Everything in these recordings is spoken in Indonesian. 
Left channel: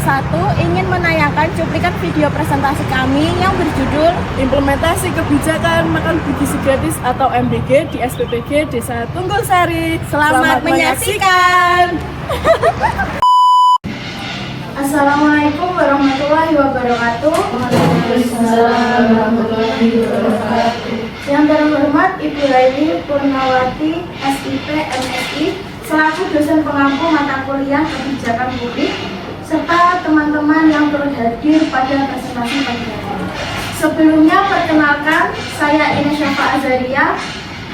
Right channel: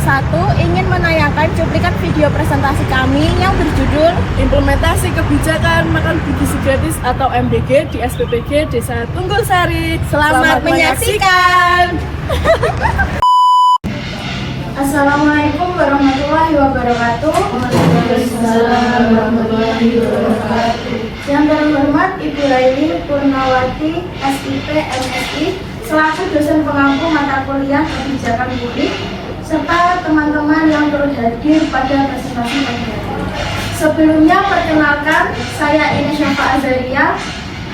kelompok 1 ingin menayangkan cuplikan video presentasi kami yang berjudul Implementasi Kebijakan Makan Bergizi Gratis atau MBG di SPPG Desa Tunggul Sari. Selamat menyaksikan. Assalamualaikum warahmatullahi wabarakatuh. Yang terhormat Ibu Haini Purnawati, SIP, MSI, selaku dosen pengampu mata kuliah kebijakan publik, serta teman-teman yang turut hadir pada presentasi pagi hari. Sebelumnya perkenalkan, saya Ines Syafa Azaria,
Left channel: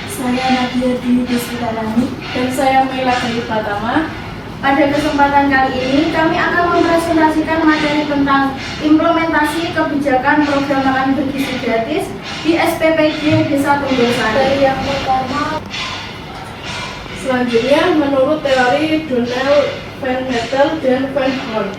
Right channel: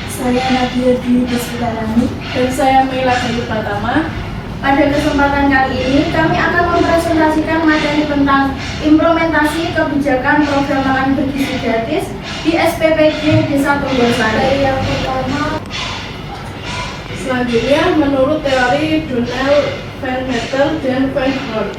Saya Nadia Dwi Bismillahirrahmanirrahim, dan saya Mela dari Pratama. Pada kesempatan kali ini, kami akan mempresentasikan materi tentang implementasi kebijakan program makan bergizi gratis di SPPG Desa Tunggul Sari. Yang pertama, Selanjutnya, menurut teori Donald Van Meter dan Van Horn.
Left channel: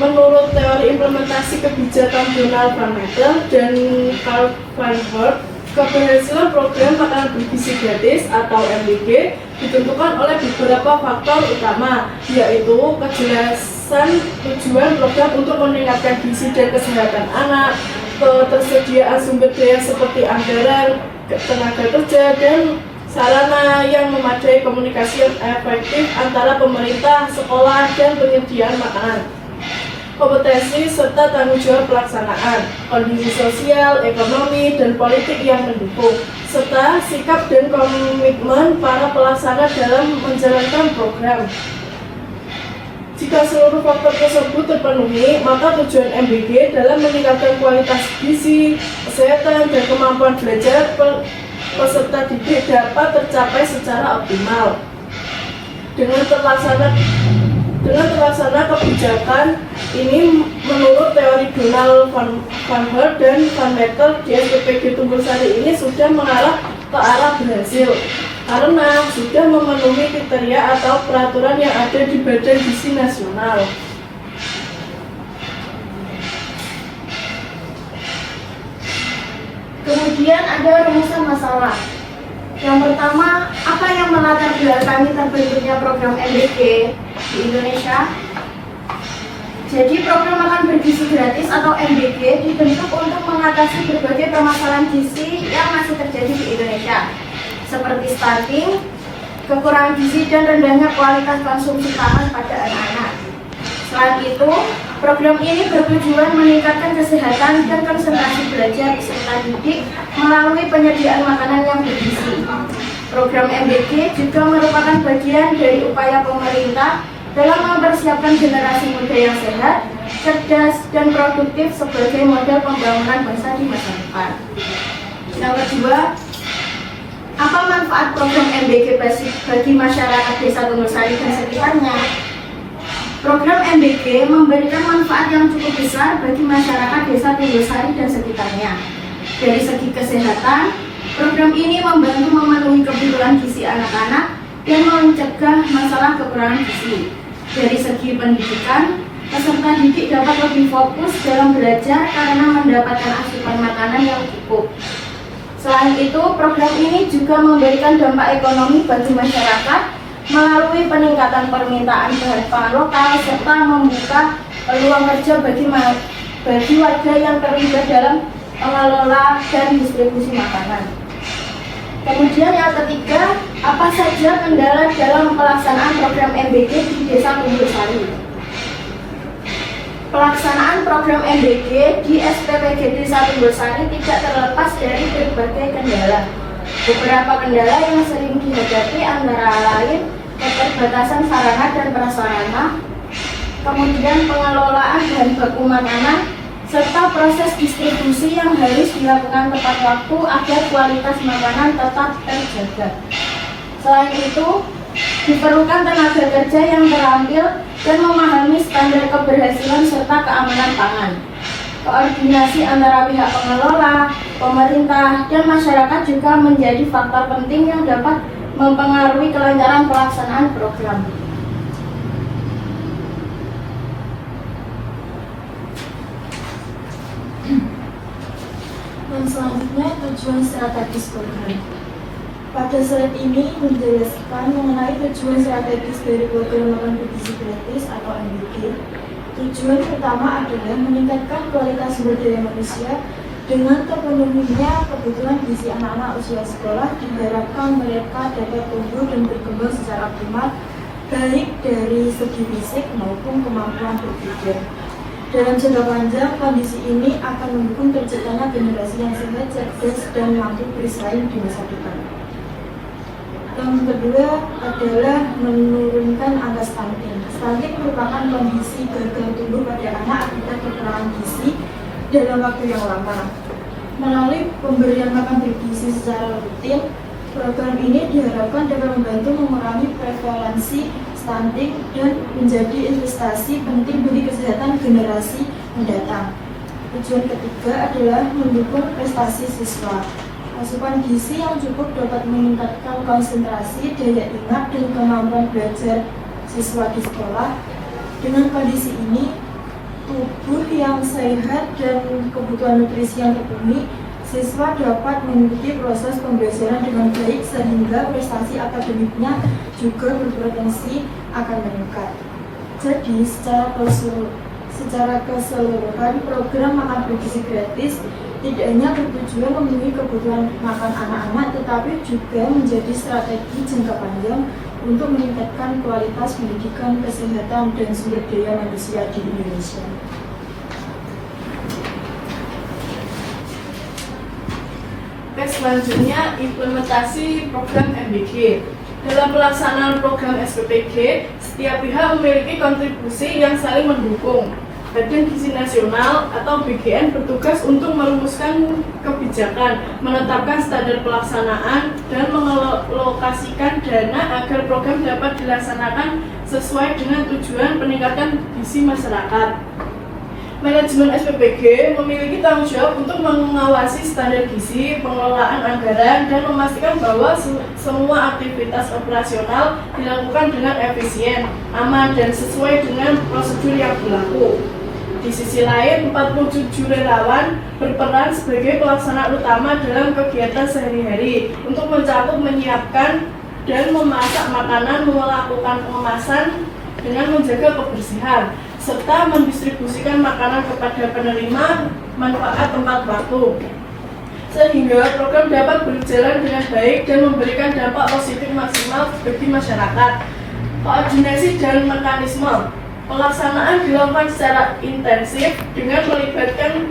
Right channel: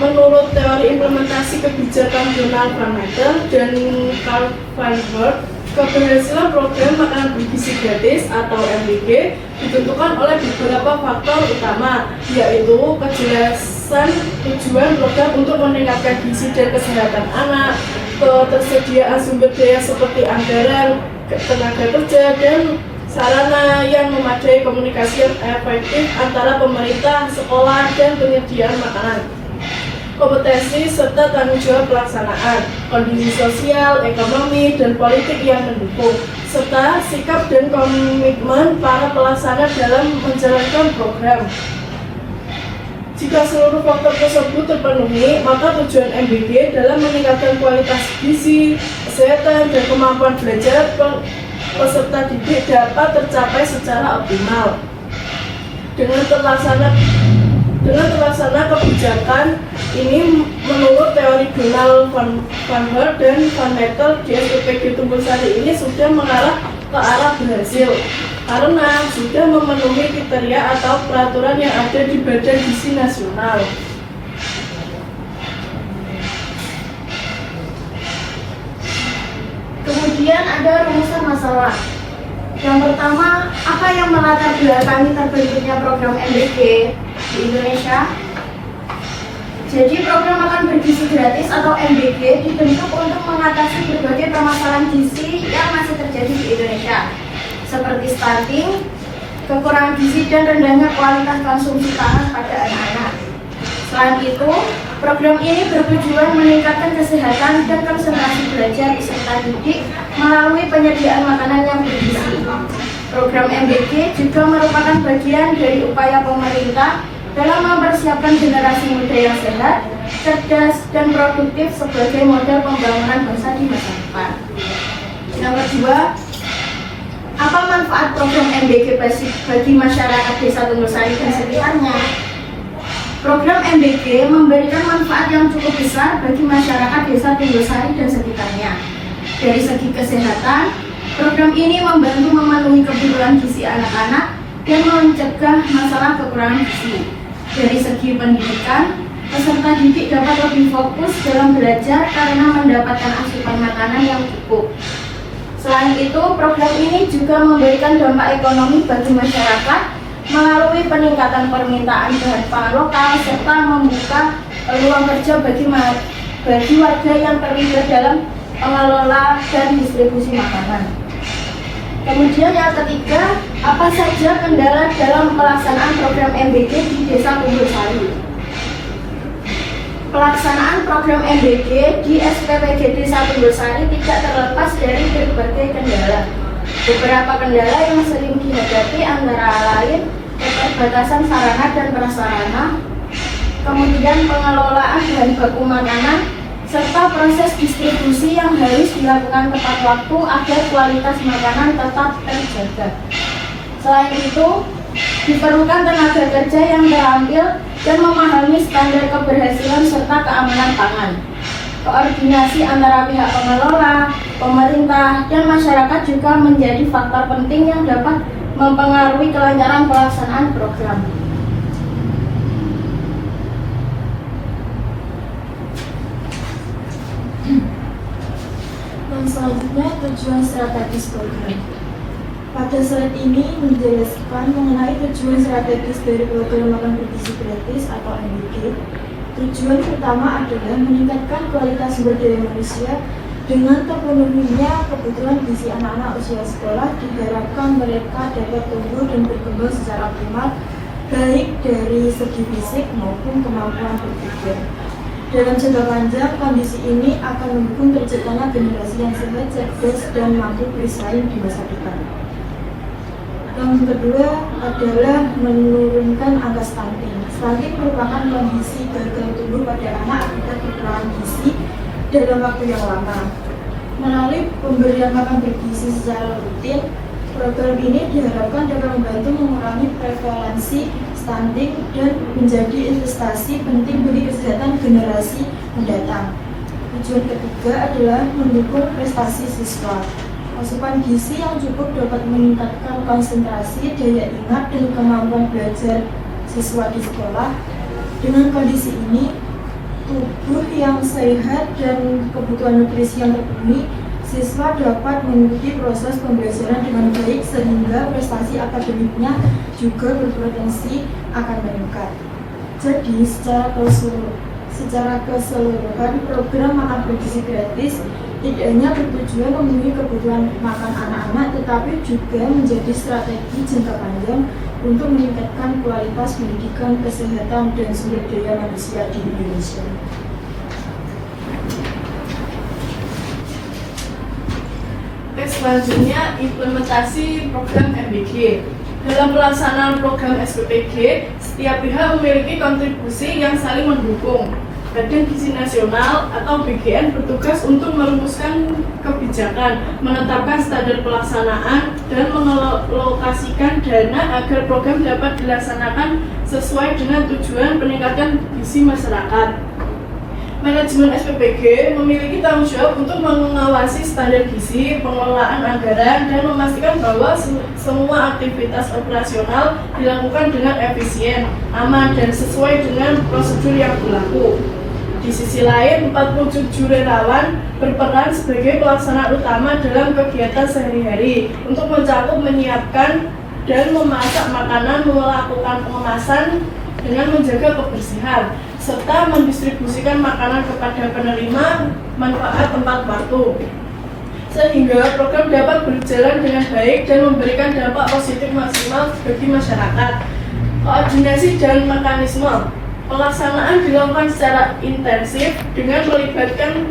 Menurut teori implementasi kebijakan Donald Van Meter dan Karl Van Horn, keberhasilan program makanan bergizi gratis atau MBG ditentukan oleh beberapa faktor utama, yaitu kejelasan tujuan program untuk meningkatkan gizi dan kesehatan anak, ketersediaan sumber daya seperti anggaran, tenaga kerja, dan sarana yang memadai, komunikasi yang efektif antara pemerintah, sekolah, dan penyediaan makanan, kompetensi serta tanggung jawab pelaksanaan, kondisi sosial, ekonomi, dan politik yang mendukung, serta sikap dan komitmen para pelaksana dalam menjalankan program. Jika seluruh faktor tersebut terpenuhi, maka tujuan MBG dalam meningkatkan kualitas gizi, kesehatan, dan kemampuan belajar peserta didik dapat tercapai secara optimal. Dengan terlaksana kebijakan ini menurut teori Donald Van Horn dan Van Meter di SPPG Tunggul Sari ini sudah mengarah ke arah berhasil karena sudah memenuhi kriteria atau peraturan yang ada di Badan Gizi Nasional. kemudian ada rumusan masalah. Yang pertama, apa yang melatar belakangi terbentuknya program MBG di Indonesia? Jadi program makan bergizi gratis atau MBG dibentuk untuk mengatasi berbagai permasalahan gizi yang masih terjadi di Indonesia, seperti stunting, kekurangan gizi, dan rendahnya kualitas konsumsi pangan pada anak-anak. Selain itu, program ini bertujuan meningkatkan kesehatan dan konsentrasi belajar peserta didik melalui penyediaan makanan yang bergizi. Program MBG juga merupakan bagian dari upaya pemerintah dalam mempersiapkan generasi muda yang sehat, cerdas, dan produktif sebagai model pembangunan bangsa di masa depan. Yang kedua, apa manfaat program MBG bagi masyarakat Desa Tunggul Sari dan sekitarnya? Program MBG memberikan manfaat yang cukup besar bagi masyarakat Desa Tunggul Sari dan sekitarnya. Dari segi kesehatan, program ini membantu memenuhi kebutuhan gizi anak-anak dan mencegah masalah kekurangan gizi. Dari segi pendidikan, peserta didik dapat lebih fokus dalam belajar karena mendapatkan asupan makanan yang cukup. Selain itu, program ini juga memberikan dampak ekonomi bagi masyarakat melalui peningkatan permintaan bahan pangan lokal serta membuka peluang kerja bagi warga yang terlibat dalam pengelola dan distribusi makanan. Kemudian yang ketiga, apa saja kendala dalam pelaksanaan program MBG di Desa Tunggul Sari? Pelaksanaan program MBG di SPPG Desa Tunggul Sari tidak terlepas dari berbagai kendala. Beberapa kendala yang sering dihadapi antara lain keterbatasan sarana dan prasarana, kemudian pengelolaan bahan baku makanan, serta proses distribusi yang harus dilakukan tepat waktu agar kualitas makanan tetap terjaga. Selain itu, diperlukan tenaga kerja yang terampil dan memahami standar keberhasilan serta keamanan pangan. Koordinasi antara pihak pengelola, pemerintah, dan masyarakat juga menjadi faktor penting yang dapat mempengaruhi kelancaran pelaksanaan program. Yang selanjutnya, tujuan strategis program. Pada slide ini menjelaskan mengenai tujuan strategis dari program makan bergizi gratis atau MBG. Tujuan utama adalah meningkatkan kualitas sumber daya manusia dengan terpenuhinya kebutuhan gizi anak-anak usia sekolah. Diharapkan mereka dapat tumbuh dan berkembang secara optimal, baik dari segi fisik maupun kemampuan berpikir. Dalam jangka panjang, kondisi ini akan mendukung terciptanya generasi yang sehat, cerdas, dan mampu bersaing di masa depan. Yang kedua adalah menurunkan angka stunting. Stunting merupakan kondisi gagal tumbuh pada anak akibat kekurangan gizi dalam waktu yang lama. Melalui pemberian makan bergizi secara rutin, program ini diharapkan dapat membantu mengurangi prevalensi stunting dan menjadi investasi penting bagi kesehatan generasi mendatang. Tujuan ketiga adalah mendukung prestasi siswa. Asupan gizi yang cukup dapat meningkatkan konsentrasi, daya ingat, dan kemampuan belajar siswa di sekolah. Dengan kondisi ini, tubuh yang sehat dan kebutuhan nutrisi yang terpenuhi, siswa dapat mengikuti proses pembelajaran dengan baik sehingga prestasi akademiknya juga berpotensi akan meningkat. Jadi secara keseluruhan program makan bergizi gratis tidak hanya bertujuan memenuhi kebutuhan makan anak-anak, tetapi juga menjadi strategi jangka panjang untuk meningkatkan kualitas pendidikan, kesehatan, dan sumber daya manusia di Indonesia. Selanjutnya, implementasi program MBG. Dalam pelaksanaan program SPPG, setiap pihak memiliki kontribusi yang saling mendukung. Badan Gizi Nasional atau BGN bertugas untuk merumuskan kebijakan, menetapkan standar pelaksanaan, dan mengalokasikan dana agar program dapat dilaksanakan sesuai dengan tujuan peningkatan gizi masyarakat. Manajemen SPPG memiliki tanggung jawab untuk mengawasi standar gizi, pengelolaan anggaran, dan memastikan bahwa semua aktivitas operasional dilakukan dengan efisien, aman, dan sesuai dengan prosedur yang berlaku. Di sisi lain, 47 relawan berperan sebagai pelaksana utama dalam kegiatan sehari-hari untuk mencakup menyiapkan dan memasak makanan, melakukan pengemasan dengan menjaga kebersihan, serta mendistribusikan makanan kepada penerima manfaat tempat waktu, sehingga program dapat berjalan dengan baik dan memberikan dampak positif maksimal bagi masyarakat. Koordinasi dan mekanisme pelaksanaan dilakukan secara intensif dengan melibatkan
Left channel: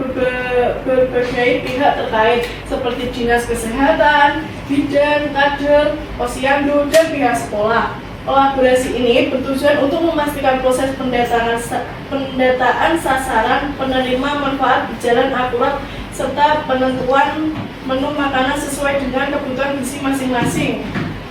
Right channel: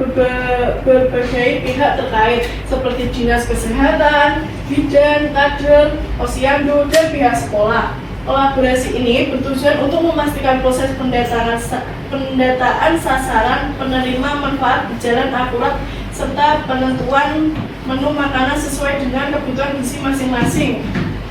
berbagai pihak terkait seperti Dinas Kesehatan, Bidan, Kader, Posyandu, dan pihak sekolah. Kolaborasi ini bertujuan untuk memastikan proses pendataan sasaran penerima manfaat berjalan akurat serta penentuan menu makanan sesuai dengan kebutuhan gizi masing-masing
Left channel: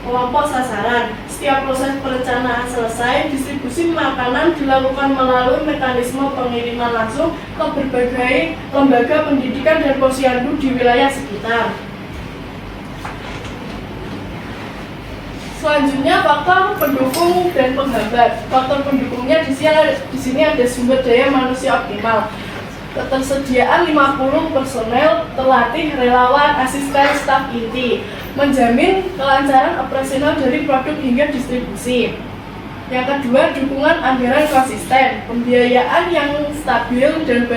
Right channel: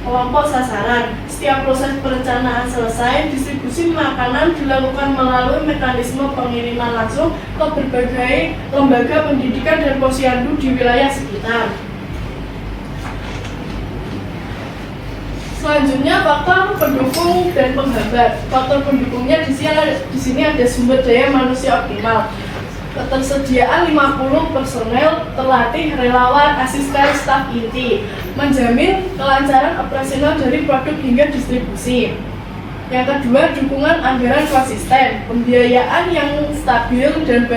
kelompok sasaran. Setiap proses perencanaan selesai, distribusi makanan dilakukan melalui mekanisme pengiriman langsung ke berbagai lembaga pendidikan dan posyandu di wilayah sekitar. Selanjutnya, faktor pendukung dan penghambat. Faktor pendukungnya di sini ada sumber daya manusia optimal. Ketersediaan 50 personel terlatih, relawan, asisten, staf inti, menjamin kelancaran operasional dari produk hingga distribusi. Yang kedua, dukungan anggaran konsisten, pembiayaan yang stabil dan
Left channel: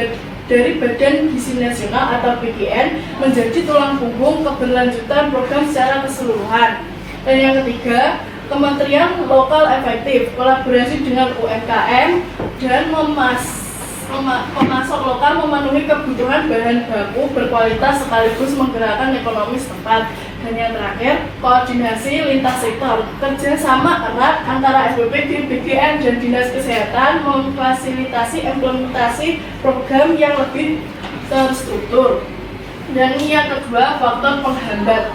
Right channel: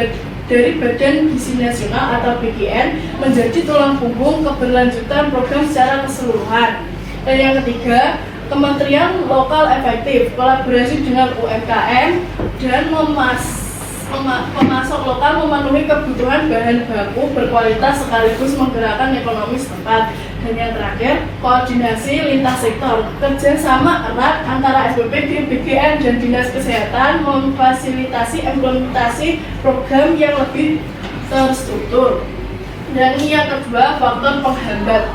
dari Badan Gizi Nasional atau BGN menjadi tulang punggung keberlanjutan program secara keseluruhan. Dan yang ketiga, kementerian lokal efektif, kolaborasi dengan UMKM dan pemasok lokal memenuhi kebutuhan bahan baku berkualitas sekaligus menggerakkan ekonomi setempat. Dan yang terakhir, koordinasi lintas sektor, kerjasama erat antara SPPG, BGN, dan Dinas Kesehatan memfasilitasi implementasi program yang lebih terstruktur. Dan yang kedua, faktor penghambat.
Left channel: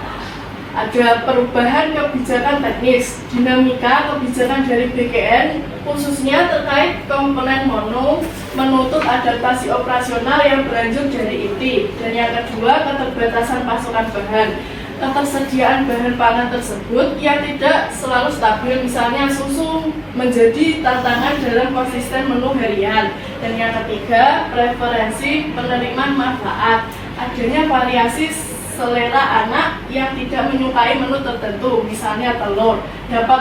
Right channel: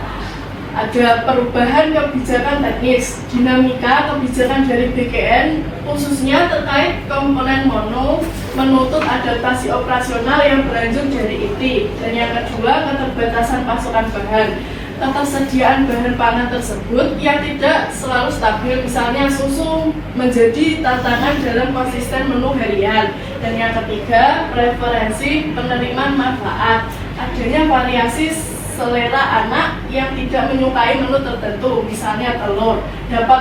Ada perubahan kebijakan teknis, dinamika kebijakan dari BGN khususnya terkait komponen mono menuntut adaptasi operasional yang berlanjut dari IT. Dan yang kedua, keterbatasan pasokan bahan. Ketersediaan bahan pangan tersebut yang tidak selalu stabil, misalnya susu menjadi tantangan dalam konsisten menu harian. Dan yang ketiga, preferensi penerimaan manfaat. Adanya variasi selera anak yang tidak menyukai menu tertentu, misalnya telur, dapat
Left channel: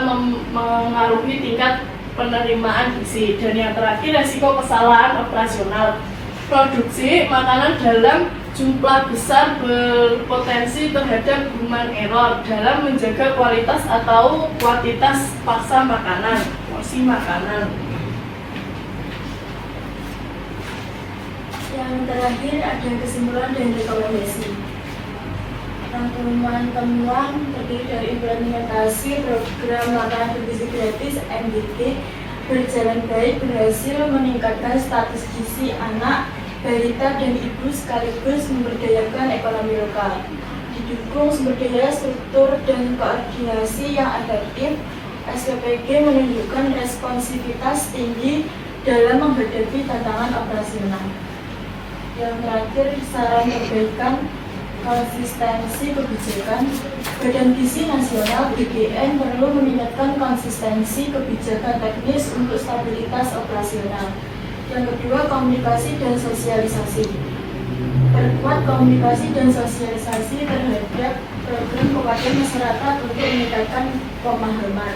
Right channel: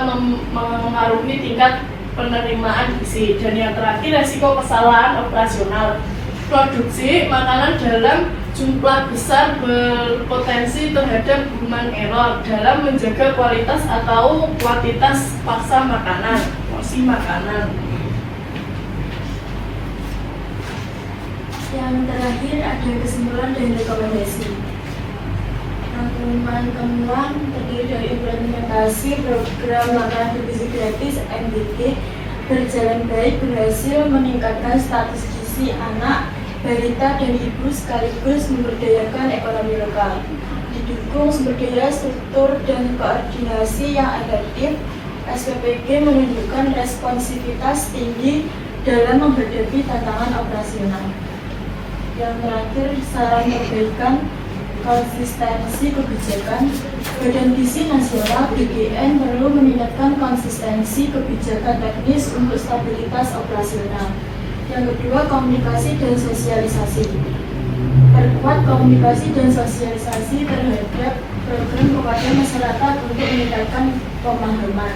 mengaruhi tingkat penerimaan gizi. Dan yang terakhir, resiko kesalahan operasional. Produksi makanan dalam jumlah besar berpotensi terhadap human error dalam menjaga kualitas atau kuantitas paksa makanan, porsi makanan. Yang terakhir ada kesimpulan dan rekomendasi. Rangkuman temuan terdiri dari implementasi program makanan bergizi gratis MBG berjalan baik, berhasil meningkatkan status gizi anak, balita dan ibu sekaligus memberdayakan ekonomi lokal. Didukung sumber daya, struktur dan koordinasi yang efektif, SPPG menunjukkan responsivitas tinggi dalam menghadapi tantangan operasional. Yang terakhir, saran perbaikan konsistensi kebijakan. Badan Gizi Nasional BGN perlu meningkatkan konsistensi kebijakan teknis untuk stabilitas operasional. Yang kedua, komunikasi dan sosialisasi. Perkuat komunikasi dan sosialisasi terhadap program kepada masyarakat untuk meningkatkan pemahaman.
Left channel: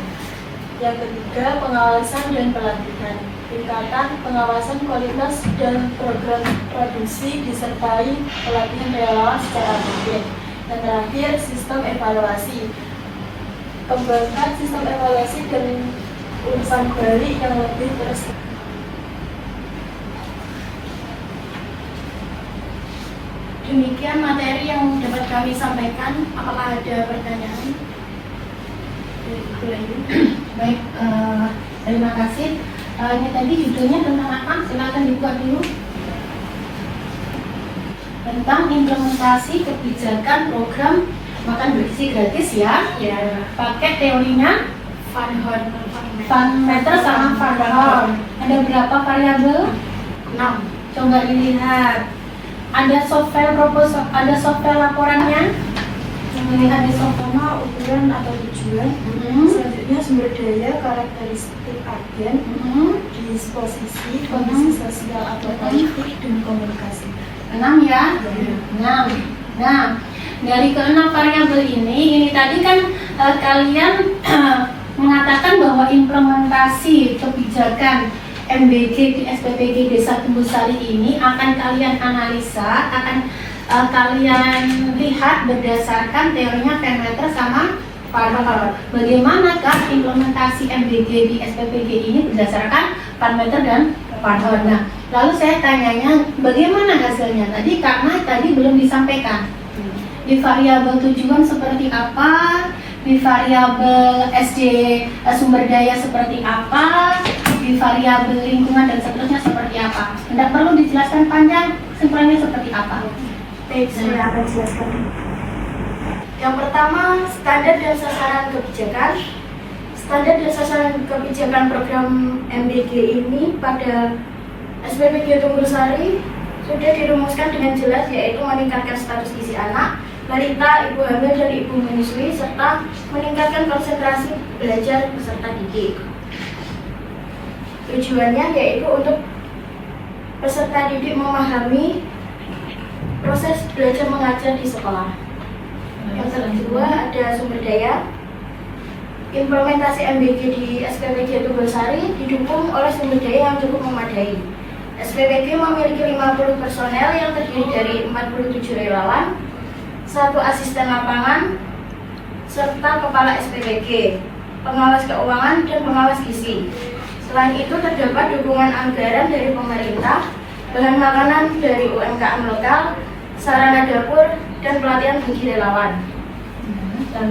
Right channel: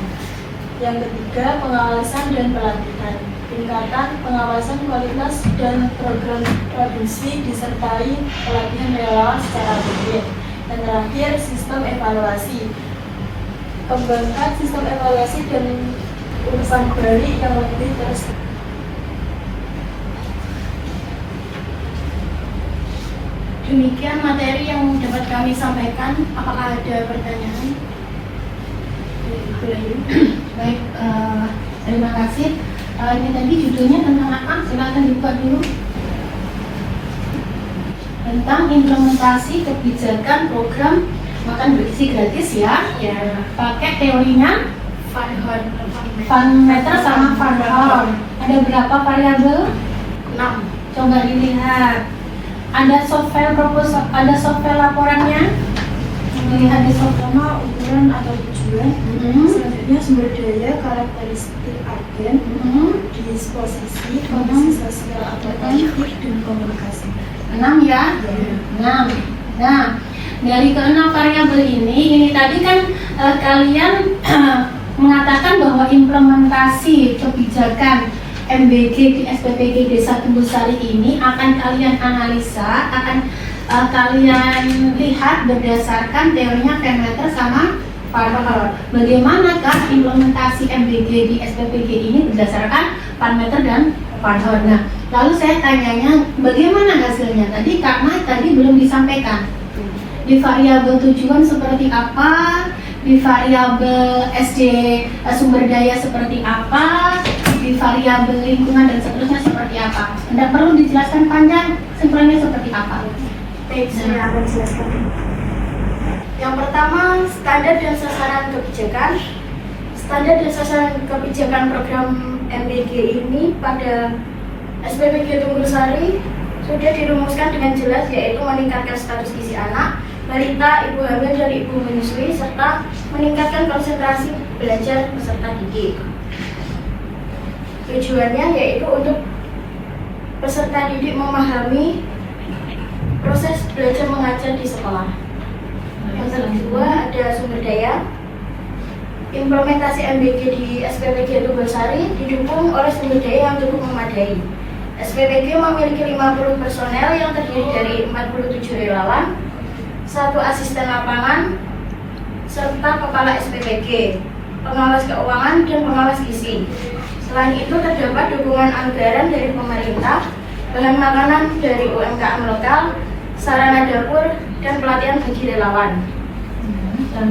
Yang ketiga, pengawasan dan pelatihan. Tingkatkan pengawasan kualitas dan program produksi disertai pelatihan relawan secara rutin. Dan terakhir, sistem evaluasi. Kembangkan sistem evaluasi dan urusan balik yang lebih terus. Demikian materi yang dapat kami sampaikan. Apakah ada pertanyaan? Baik, terima kasih. Ini tadi judulnya tentang apa? Silakan dibuka dulu. Tentang implementasi kebijakan program makan bergizi gratis ya. Pakai teorinya Van Meter sama Van Horn. Ada berapa variabel? 6. Coba dilihat. Ada software proposal, ada software laporannya. Melihat di software ukuran atau tujuan. Selanjutnya sumber daya, karakteristik agen, disposisi, kondisi sosial atau politik dan komunikasi. 6 ya? 6. Nah, dari ke-6 variabel ini tadi kan kalian mengatakan bahwa implementasi kebijakan MBG di SPPG Desa Kumbulsari ini akan kalian analisa, akan kalian lihat berdasarkan teorinya Van Meter sama Van Horn. Bagaimanakah implementasi MBG di SPPG ini berdasarkan Van Meter dan Van Horn? Nah, lalu saya tanyanya bagaimana hasilnya? Tadi Kak Mai tadi belum disampaikan. Di variabel tujuan seperti apa? Di variabel SD sumber daya seperti apa? Di variabel lingkungan dan seterusnya seperti apa? Tidak perlu dijelaskan panjang, simpulannya seperti apa? Baik, saya akan jelaskan. Yang pertama, standar dan sasaran kebijakan. Standar dan sasaran kebijakan program MBG ini pada SPPG Kumbulsari sudah dirumuskan dengan jelas, yaitu meningkatkan status gizi anak, balita, ibu hamil dan ibu menyusui, serta meningkatkan konsentrasi belajar peserta didik. Tujuannya yaitu untuk peserta didik memahami proses belajar mengajar di sekolah. Yang kedua ada sumber daya. Implementasi MBG di SPPG Kumbulsari didukung oleh sumber daya yang cukup memadai. SPPG memiliki 50 personel yang terdiri dari 47 relawan, 1 asisten lapangan, serta kepala SPPG, pengawas keuangan dan pengawas gizi. Selain itu terdapat dukungan anggaran dari pemerintah, bahan makanan dari UMKM lokal, sarana dapur, dan pelatihan bagi relawan.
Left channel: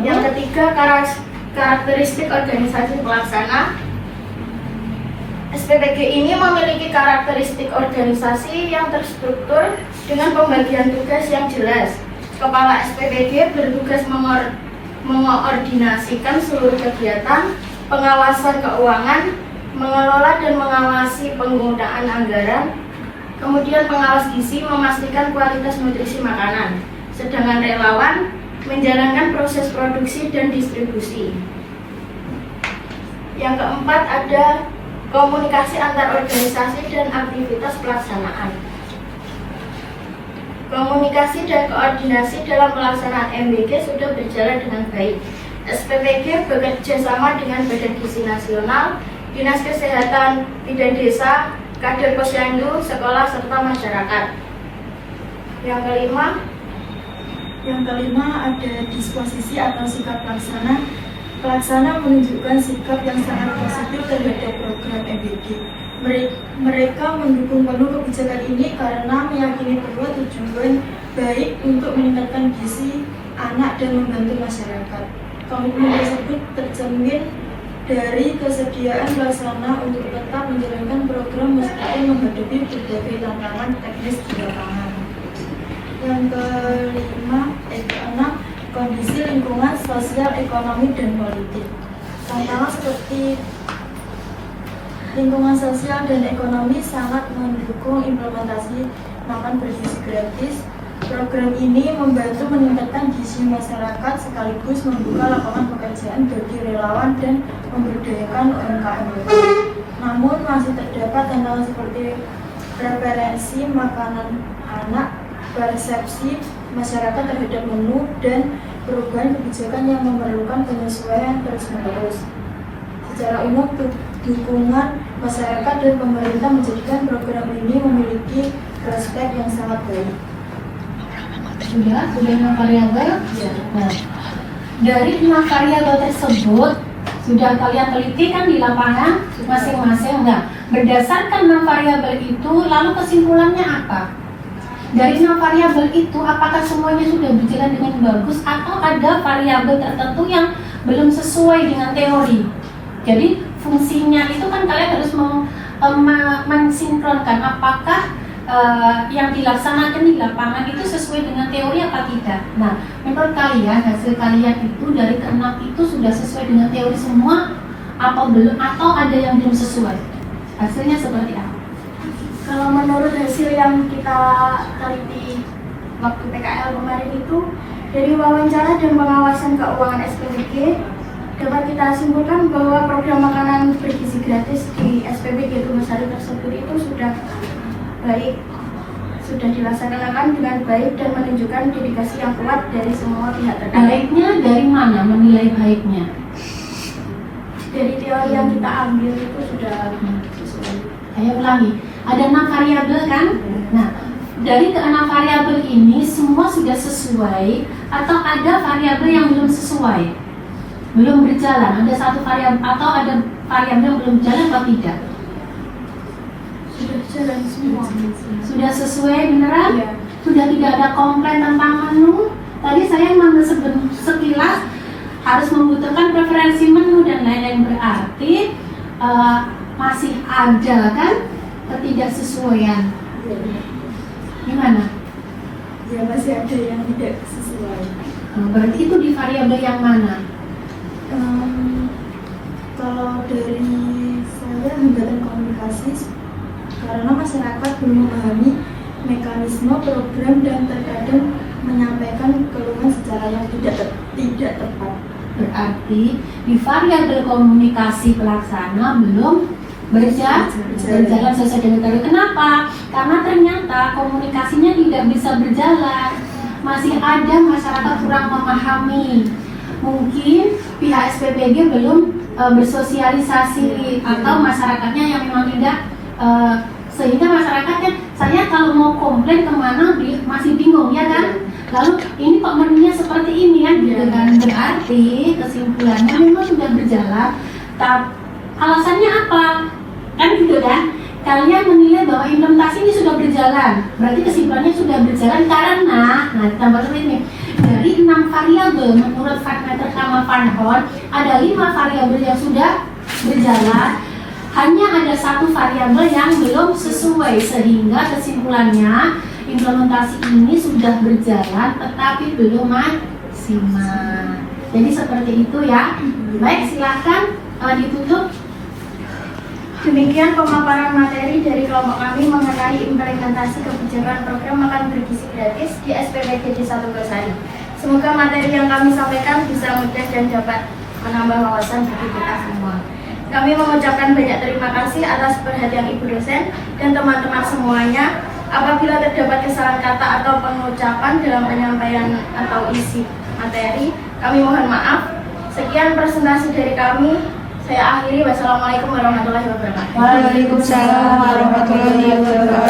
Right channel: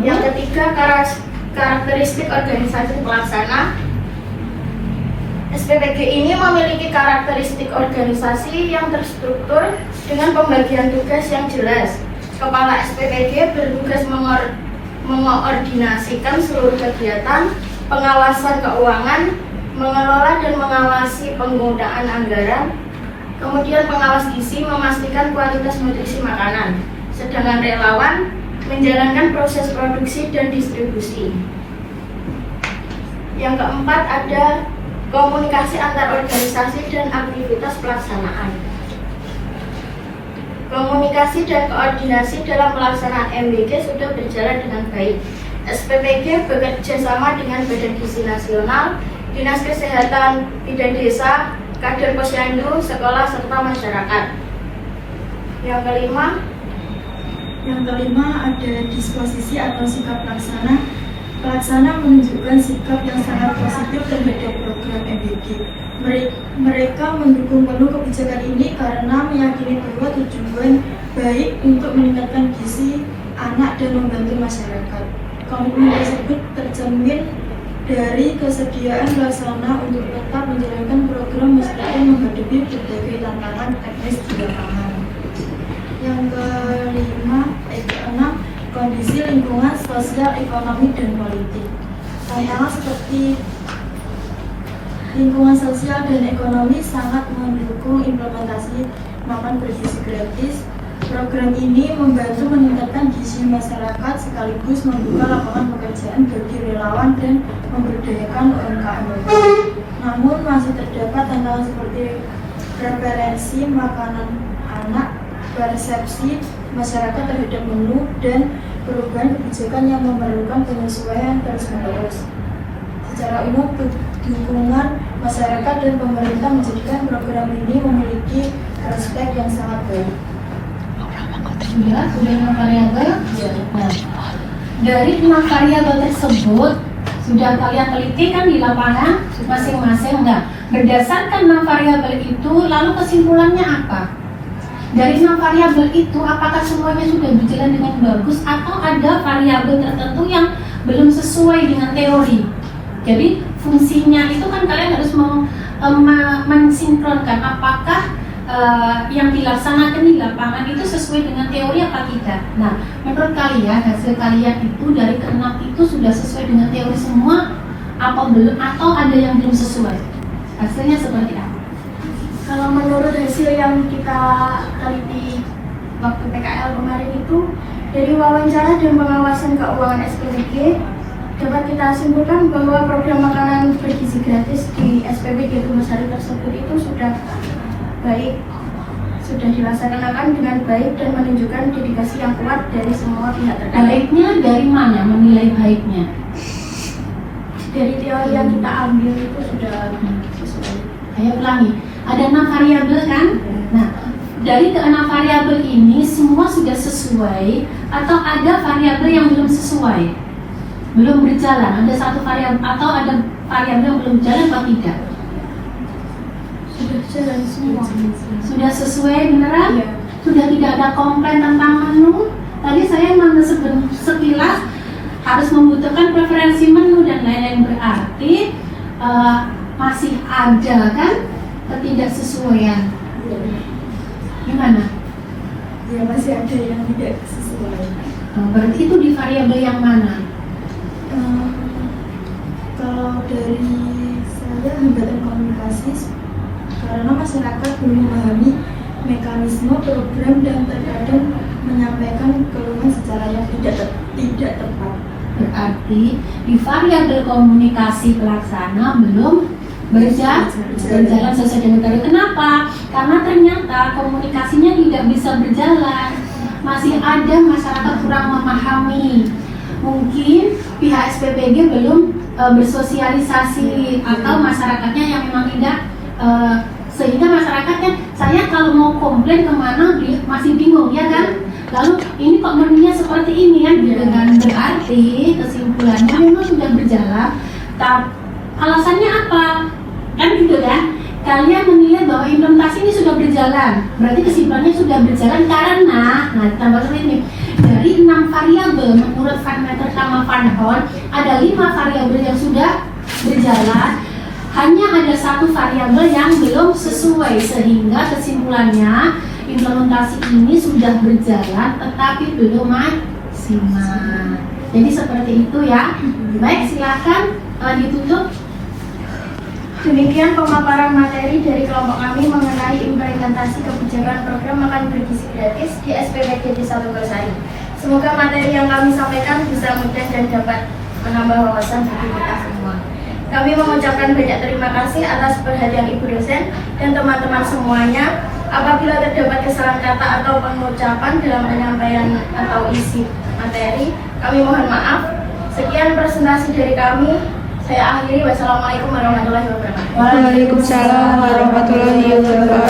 Yang ketiga, karakteristik organisasi pelaksana. SPPG ini memiliki karakteristik organisasi yang terstruktur dengan pembagian tugas yang jelas. Kepala SPPG bertugas mengkoordinasikan seluruh kegiatan, pengawasan keuangan, mengelola dan mengawasi penggunaan anggaran, kemudian pengawas gizi memastikan kualitas nutrisi makanan, sedangkan relawan menjalankan proses produksi dan distribusi. Yang keempat ada komunikasi antar organisasi dan aktivitas pelaksanaan. Komunikasi dan koordinasi dalam pelaksanaan MBG sudah berjalan dengan baik. SPPG bekerja sama dengan Badan Gizi Nasional, Dinas Kesehatan Bidan Desa, Kader Posyandu, sekolah serta masyarakat. Yang kelima ada disposisi atau sikap pelaksana. Pelaksana menunjukkan sikap yang sangat positif terhadap program MBG. Mereka mendukung penuh kebijakan ini karena meyakini bahwa tujuan baik untuk meningkatkan gizi anak dan membantu masyarakat. Komitmen tersebut tercermin dari kesediaan pelaksana untuk tetap menjalankan program meskipun menghadapi berbagai tantangan teknis di lapangan. Yang keenam, kondisi lingkungan sosial, ekonomi, dan politik. Tantangan seperti lingkungan sosial dan ekonomi sangat mendukung implementasi makan bergizi gratis. Program ini membantu meningkatkan gizi masyarakat sekaligus membuka lapangan pekerjaan bagi relawan dan memberdayakan UMKM. Namun masih terdapat tantangan seperti preferensi makanan anak, persepsi masyarakat terhadap menu, dan perubahan kebijakan yang memerlukan penyesuaian terus-menerus. Secara umum, dukungan masyarakat dan pemerintah menjadikan program ini memiliki prospek yang sangat baik. Sudah 6 variabel. Nah, dari 6 variabel tersebut sudah kalian teliti kan di lapangan masing-masing. Nah, berdasarkan 6 variabel itu, lalu kesimpulannya apa? Dari 6 variabel itu, apakah semuanya sudah berjalan dengan bagus atau ada variabel tertentu yang belum sesuai dengan teori? Jadi fungsinya itu kan kalian harus mensinkronkan apakah yang dilaksanakan di lapangan itu sesuai dengan teori apa tidak. Nah, menurut kalian hasil kalian itu dari ke-6 itu sudah sesuai dengan teori semua apa belum, atau ada yang belum sesuai? Hasilnya seperti apa? Kalau menurut hasil yang kita teliti waktu PKL kemarin itu, dari wawancara dan pengawasan keuangan SPBG, dapat kita simpulkan bahwa program makanan bergizi gratis di SPBG Tugasari tersebut itu sudah baik, sudah dilaksanakan dengan baik dan menunjukkan dedikasi yang kuat dari semua pihak terkait. Baiknya dari mana menilai baiknya? Dari teori yang kita ambil itu sudah sesuai. Saya ulangi, ada 6 variabel kan? Nah, dari ke-6 variabel ini semua sudah sesuai atau ada variabel yang belum sesuai? Belum berjalan, ada satu variabel atau ada variabel yang belum berjalan atau tidak? Sudah jalan semua. Sudah sesuai beneran? Iya. Sudah tidak ada komplain tentang menu? Tadi saya sekilas harus membutuhkan preferensi menu dan lain-lain, berarti masih ada kan ketidaksesuaian. Gimana? Ya, masih ada yang tidak sesuai. Berarti itu di variabel yang mana? Kalau dari saya hambatan komunikasi, karena masyarakat belum memahami mekanisme program dan terkadang menyampaikan keluhan secara yang tidak tepat. Berarti di variabel komunikasi pelaksana belum berjalan sesuai dengan teori. Kenapa? Karena ternyata komunikasinya tidak bisa berjalan. Masih ada masyarakat kurang memahami. Mungkin pihak SPBG belum bersosialisasi atau masyarakatnya yang memang tidak sehingga masyarakat kan, saya kalau mau komplain kemana masih bingung ya kan, lalu ini kok menunya seperti ini ya gitu kan. Berarti kesimpulannya memang sudah berjalan, tapi alasannya apa kan gitu kan. Kalian menilai bahwa implementasi ini sudah berjalan, berarti kesimpulannya sudah berjalan karena, nah tambah ini dari 6 variabel menurut Van Meter sama Van Horn, ada 5 variabel yang sudah berjalan, hanya ada 1 variabel yang belum sesuai, sehingga kesimpulannya implementasi ini sudah berjalan tetapi belum maksimal. Jadi seperti itu ya. Baik, silakan ditutup. Demikian pemaparan materi dari kelompok kami mengenai implementasi kebijakan program makan bergizi gratis di SPBG Desa Tugasari. Semoga materi yang kami sampaikan bisa mudah dan dapat menambah wawasan bagi kita semua. Kami mengucapkan banyak terima kasih atas perhatian Ibu dosen dan teman-teman semuanya. Apabila terdapat kesalahan kata atau pengucapan dalam penyampaian atau isi materi, kami mohon maaf. Sekian presentasi dari kami. Saya akhiri. Wassalamualaikum warahmatullahi wabarakatuh. Waalaikumsalam warahmatullahi wabarakatuh.